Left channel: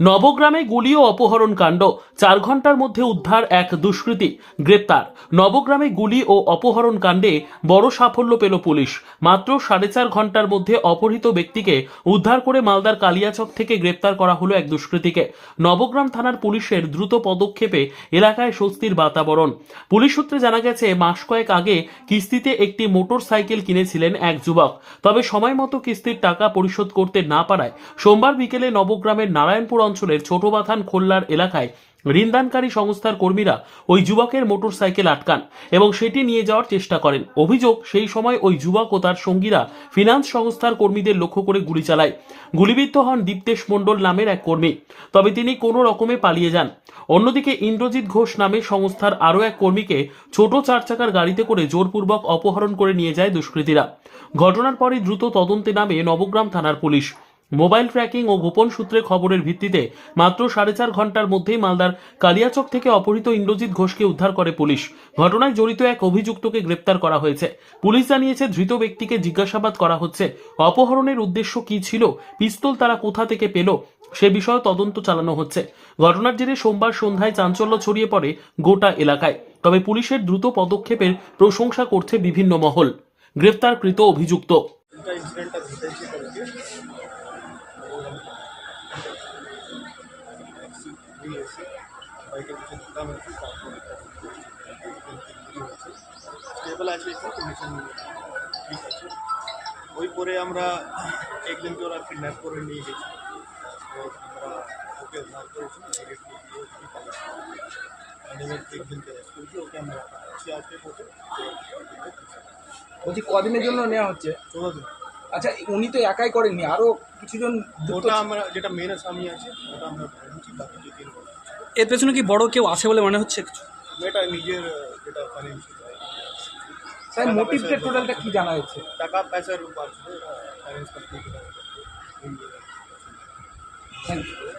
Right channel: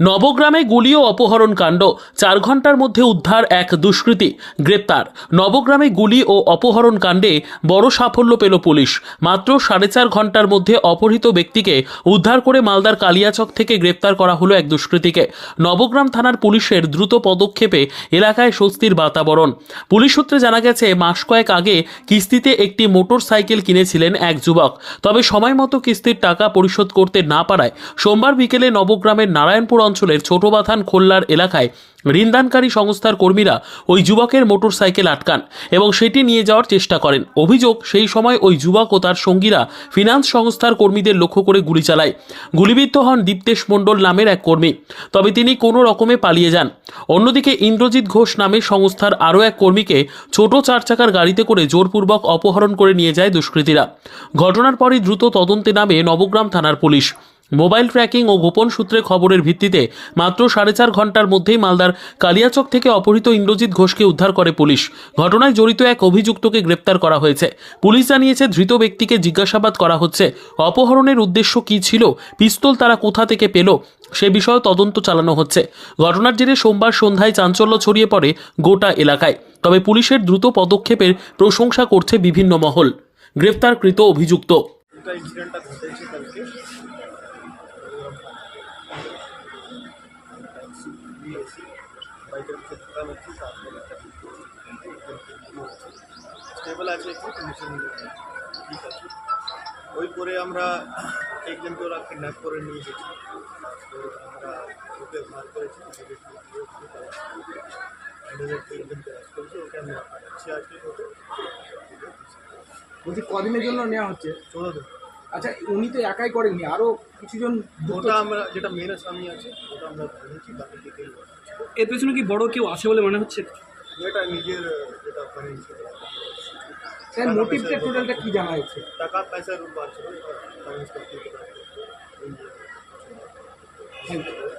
নবগ্রামে গুলি ও অপহরণ কাণ্ড। চার ঘণ্টার মধ্যে উদ্ধার এক দুষ্কৃতী। গ্রেপ্তার। নবগ্রামে গুলি ও অপহরণ কাণ্ডে বড় সাফল্য পেল পুলিশ। মাত্র সাড়ে চার ঘণ্টার মধ্যে অপহৃত ব্যক্তিকে উদ্ধার করে মালদার কালিয়াচক থেকে গ্রেপ্তার করা হলো এক দুষ্কৃতীকে। নবগ্রাম থানার পুলিশের দ্রুত পদক্ষেপে এলাকায় স্বস্তির বাতাবরণ। পুলিশ সূত্রে জানা গেছে, মাস কয়েক আগে কিস্তিতে একটি মোটর সাইকেল কিনেছিলেন এক যুবক। তবে সময় মতো কিস্তির টাকা পরিশোধ করতে না পারায় সোমবার বিকেলে নবগ্রামের নারায়ণপুর অঞ্চলের ছোটবাথান খোল্লার এলাকায় ঋণদানকারী সংস্থার কর্মীরা ওই যুবকের মোটর সাইকেল আটকান এবং সেটি নিয়ে যাওয়ার চেষ্টা করেন। অভিযোগ, সেই সময় ওই যুবক ও তার সঙ্গীরা ফিনান্স সংস্থার কর্মীদের লক্ষ্য করে গুলি চালায়। গুলিবিদ্ধ হন দীপ্তেশ মণ্ডল নামের এক কর্মী। তবে তিনি কোনো রকমে পালিয়ে যান। অন্যদিকে ইন্দ্রজিৎ ঘোষ নামে সংস্থার আরও এক কর্মীকে ছোট চার চাকার গাড়িতে করে জোরপূর্বক অপহরণ করে নিয়ে যায় দুষ্কৃতীরা। ঘটনার পরই দ্রুত তদন্তে নামে নবগ্রাম থানার পুলিশ। মোবাইল ট্র্যাকিং ও গোপন সূত্রে খবরের ভিত্তিতে মাত্র সাড়ে চার ঘণ্টার মধ্যেই মালদার কালিয়াচক থেকে অপহৃত ইন্দ্রজিৎ ঘোষকে উদ্ধার করে পুলিশ। ঘটনায় জড়িত এক অভিযুক্তকে গ্রেপ্তার করা হয়েছে। পুলিশ জানিয়েছে, ধৃত ব্যক্তিকে জিজ্ঞাসাবাদ করা হচ্ছে। অপহরণের উদ্দেশ্য কী ছিল? পিস্তল তারা কোথা থেকে পেল? সে বিষয়ে তদন্ত চালানো হচ্ছে। ঘটনার জেরে সোমবার সন্ধ্যায় চাঞ্চল্য ছড়িয়ে পড়ে গোটা এলাকায়। তবে পুলিশের দ্রুত পদক্ষেপের প্রশংসা করছে বিভিন্ন মহল। গ্রেপ্তারকৃত অভিযুক্ত। দুটা ইনসিডেন্টটা ঘটেছে কালকে ট্যাক্সি দিয়ে এসে বাইকের পিছনে ঢুকা হয়েছে তারপর একটা স্টেবল আছে কন্ডিশন ঠিক আছে। ওই পরে আমরা একজনকে ওরা কিডন্যাপ করে নিয়ে গেছি। আমরা ওকে উদ্ধার করেছি ওকে অ্যান্ড একজনকে অ্যারেস্ট করেছি ওকে আমরা বলছি কদিনের জন্য নেওয়া হচ্ছে? চোদ্দ দিন। আচ্ছা উনি তো একাই করেননি আরও কিছুজন ওটা আমরা যেটা মেন স্বামী আছে ওটা আমরা ধরেছি বাকি ডিটেল এর পেছনে কি বড় কেউ আছে বলে মনে হচ্ছে কিছু? এটা নিজের যেটা ফাইন্যান্সিয়াল স্যার মোটিভ মোটিভটা টোটালটা কি জানা যাচ্ছে টাকা পয়সার উপর ছিল ফাইন্যান্স করতে থ্যাংক ইউ